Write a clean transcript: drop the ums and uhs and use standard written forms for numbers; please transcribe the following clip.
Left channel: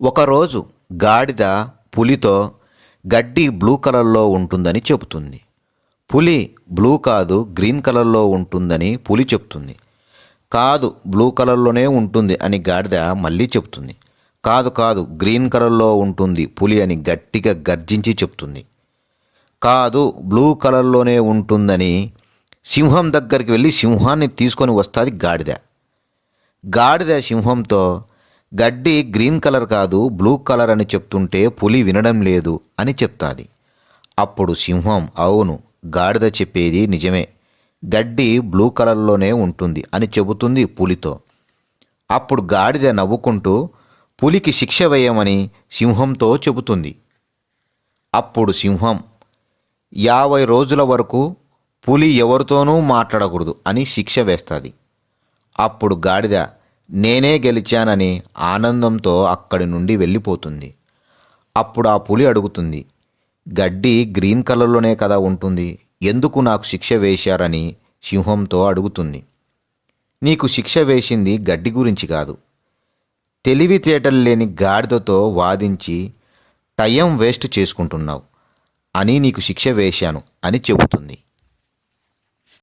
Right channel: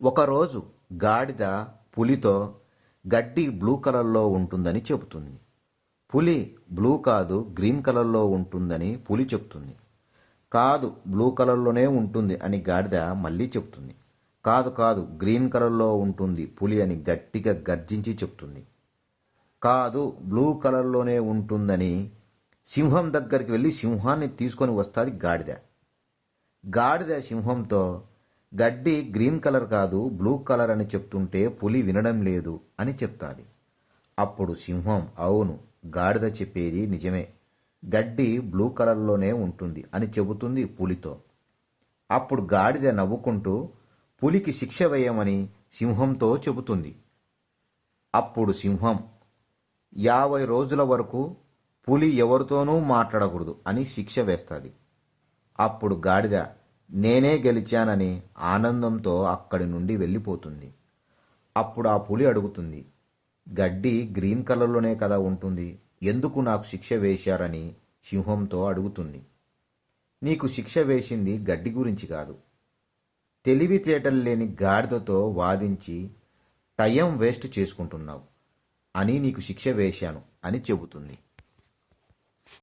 ఒకరోజు గాడిద పులితో గడ్డి బ్లూ కలర్లో ఉంటుందని చెబుతుంది. పులి బ్లూ కాదు గ్రీన్ కలర్లో ఉంటుందని పులి చెప్తుంది. కాదు బ్లూ కలర్లోనే ఉంటుంది అని గాడిద మళ్ళీ చెప్తుంది. కాదు కాదు గ్రీన్ కలర్లో ఉంటుంది పులి అని గట్టిగా గర్జించి చెప్తుంది. కాదు బ్లూ కలర్లోనే ఉంటుందని సింహం దగ్గరికి వెళ్ళి సింహాన్ని తీసుకొని వస్తుంది గాడిద. గాడిద సింహంతో గడ్డి గ్రీన్ కలర్ కాదు బ్లూ కలర్ అని చెప్తుంటే పులి వినడం లేదు అని చెప్తాది. అప్పుడు సింహం అవును గాడిద చెప్పేది నిజమే, గడ్డి బ్లూ కలర్లోనే ఉంటుంది అని చెబుతుంది పులితో. అప్పుడు గాడిద నవ్వుకుంటూ పులికి శిక్ష వేయమని సింహంతో చెబుతుంది. అప్పుడు సింహం 50 రోజుల వరకు పులి ఎవరితోనూ మాట్లాడకూడదు అని శిక్ష వేస్తుంది. అప్పుడు గాడిద నేనే గెలిచానని ఆనందంతో అక్కడి నుండి వెళ్ళిపోతుంది. అప్పుడు ఆ పులి అడుగుతుంది, గడ్డి గ్రీన్ కలర్లోనే కదా ఉంటుంది, ఎందుకు నాకు శిక్ష వేశారని సింహంతో అడుగుతుంది. నీకు శిక్ష వేసింది గడ్డి గురించి కాదు, తెలివితేటలు లేని గాడిదతో వాదించి టైం వేస్ట్ చేసుకుంటున్నావు అని నీకు శిక్ష వేశాను అని చెబుతుంది.